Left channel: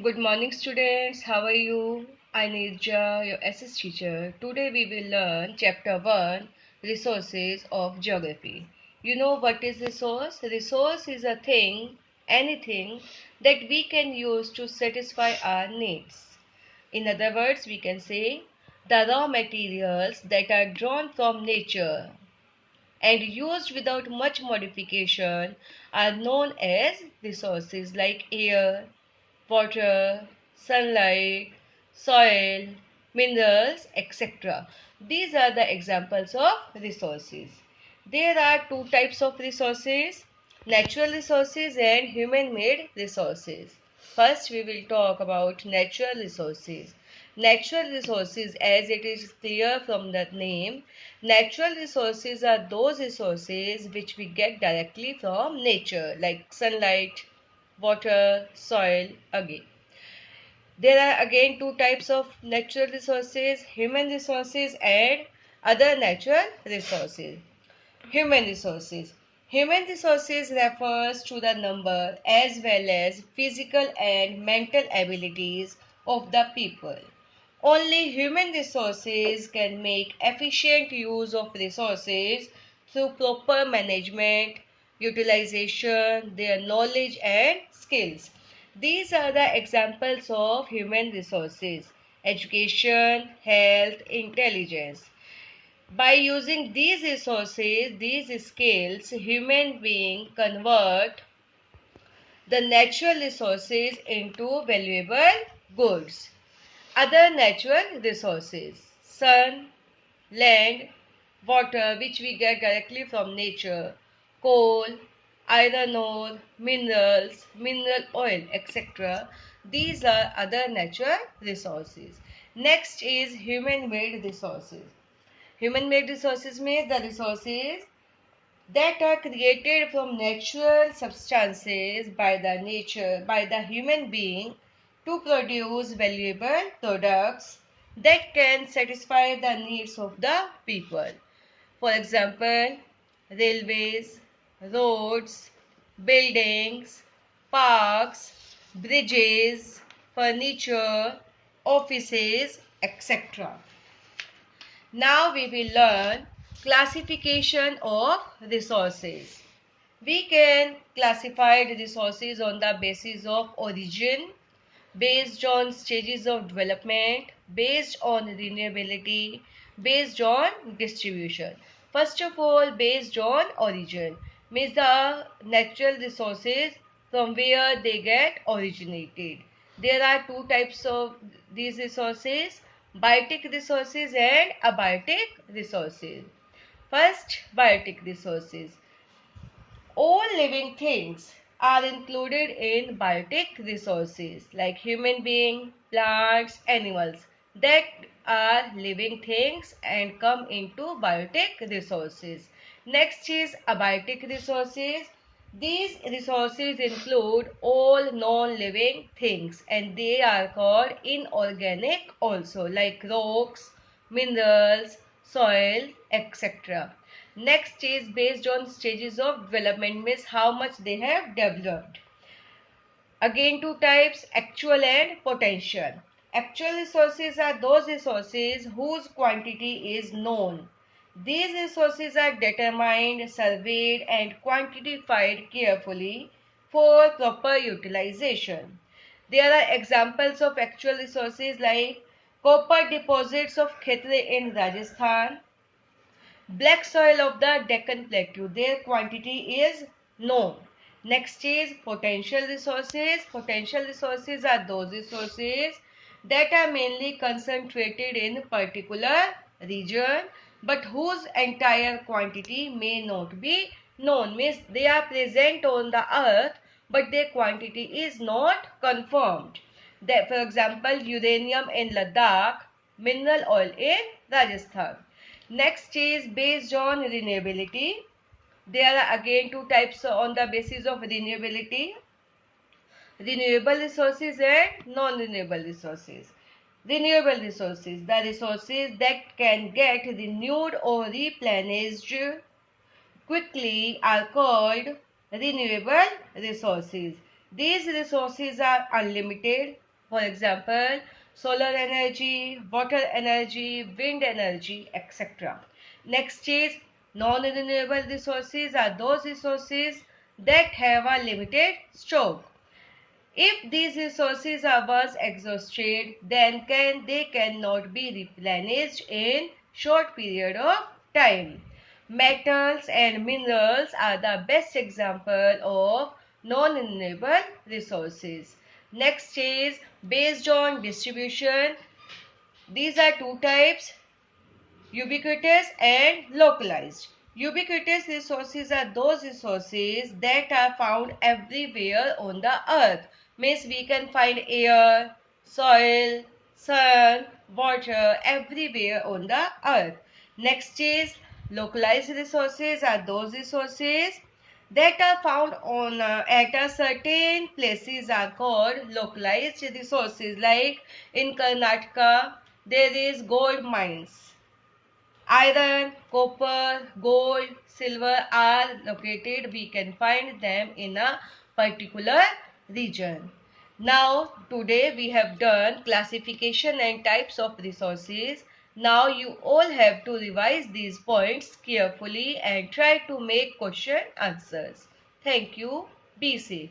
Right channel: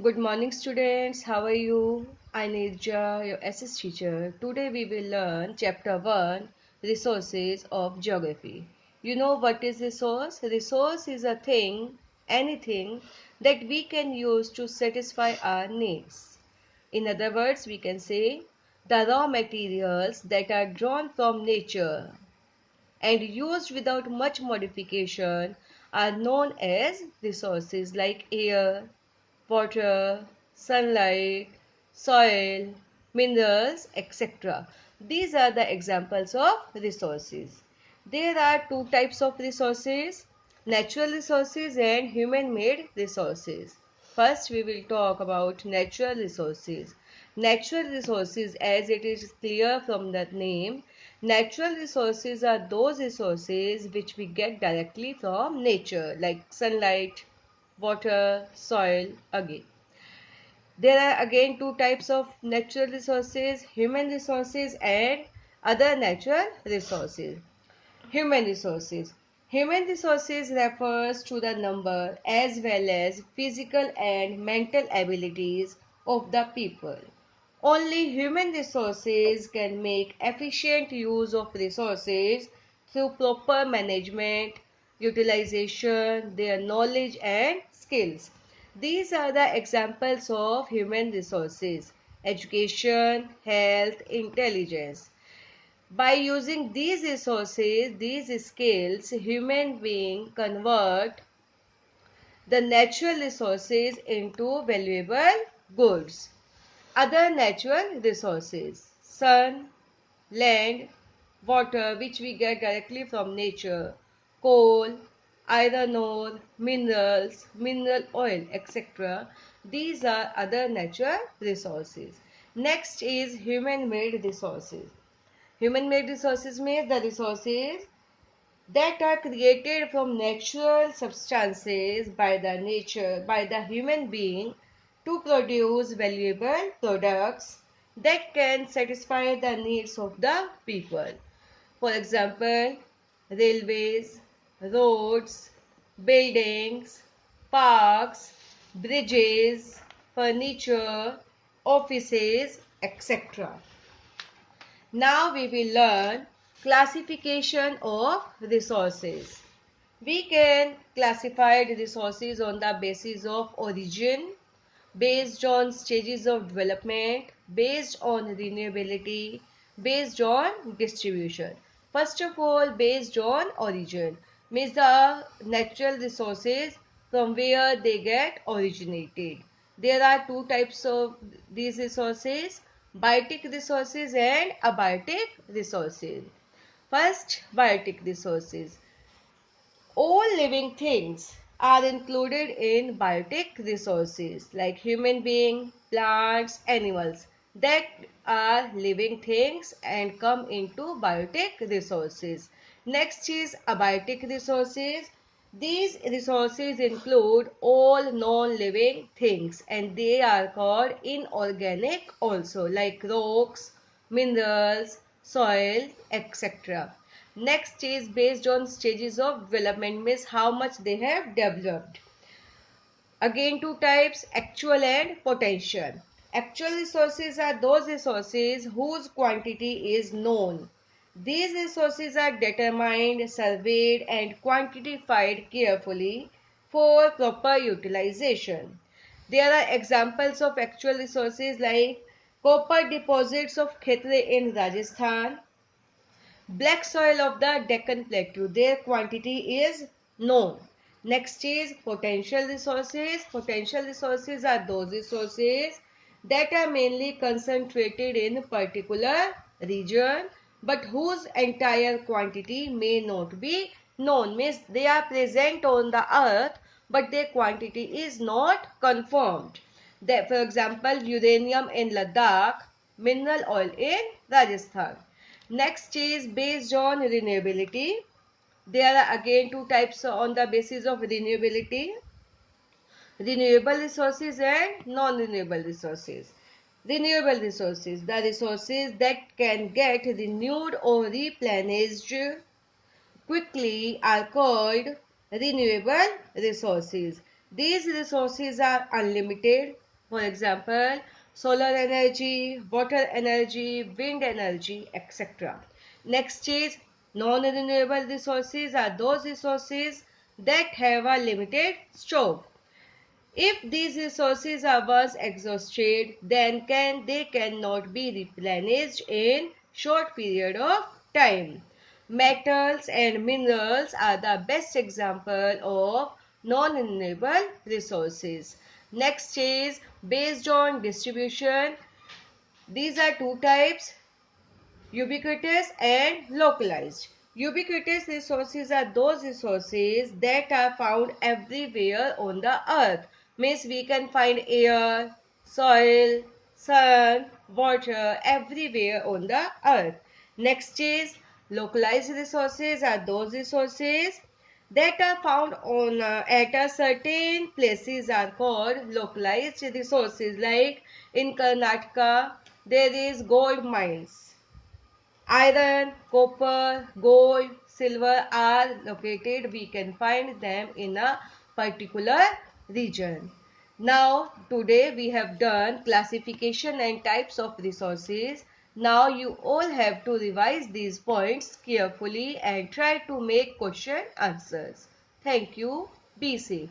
Good morning, students. How are you? I Nirja, your SS teacher. Today we will learn Chapter 1 Resources of Geography. You know what is resource? Resource is a thing, anything that we can use to satisfy our needs. In other words, we can say the raw materials that are drawn from nature and used without much modification are known as resources like air, water, sunlight, soil, minerals, etc. These are the examples of resources. There are two types of resources, natural resources and human-made resources. First, we will talk about natural resources. Natural resources, as it is clear from the name, natural resources are those resources which we get directly from nature, like sunlight, water, soil, again. There are again two types of natural resources, human resources and other natural resources. Human resources. Human resources refers to the number as well as physical and mental abilities of the people. Only human resources can make efficient use of resources through proper management, utilization, their knowledge and skills. These are the examples of human resources: education, health, intelligence. By using these resources, these skills, human beings convert the natural resources into valuable goods. Other natural resources: sun, land, water, which we get directly from nature, coal, iron ore, minerals, mineral oil, etc. These are other natural resources. Next is human-made resources. Human-made resources means the resources that are created from natural substances by the human being to produce valuable products that can satisfy the needs of the people. For example, railways, roads, buildings, parks, bridges, furniture, offices, etc. Now we will learn classification of resources. We can classify the resources on the basis of origin, based on stages of development, based on renewability, based on distribution. First of all, based on origin means the natural resources from where they get originated. There are two types of these resources: biotic resources and abiotic resources. First, biotic resources. All living things are included in biotic resources like human beings, plants, animals that are living things and come into biotic resources. Next is abiotic resources. These resources include all non-living things and they are called inorganic also, like rocks, minerals, soil, etc. Next is based on stages of development, means how much they have developed. Again, two types: actual and potential. Actual resources are those resources whose quantity is known. These resources are determined, surveyed and quantified carefully for proper utilization. There are examples of actual resources like copper deposits of Khetre in Rajasthan, black soil of the Deccan Plateau. Their quantity is known. Next is potential resources. Potential resources are those resources that are mainly concentrated in particular region but whose entire quantity may not be known. Means they are present on the earth but their quantity is not confirmed. For example, uranium in Ladakh, mineral oil in Rajasthan. Next is based on renewability. There are again two types on the basis of renewability: renewable resources and non-renewable resources. Renewable resources, the resources that can get renewed or replenished quickly, are called renewable resources. These resources are unlimited. For example, solar energy, water energy, wind energy, etc. Next is non-renewable resources are those resources that have a limited stock. If these resources are once exhausted, then they cannot be replenished in short period of time. Metals and minerals are the best example of non-renewable resources. Next is based on distribution. These are two types: ubiquitous and localized. Ubiquitous resources are those resources that are found everywhere on the earth. Means we can find air, soil, sun, water everywhere on the earth. Next is localized resources are those resources that are found on at a certain places are called localized resources. Like in Karnataka, there is gold mines. Iron, copper, gold, silver are located. We can find them in a particular region. Now, today we have done classification and types of resources. Now you all have to revise these points carefully and try to make question answers. Thank you. Be safe.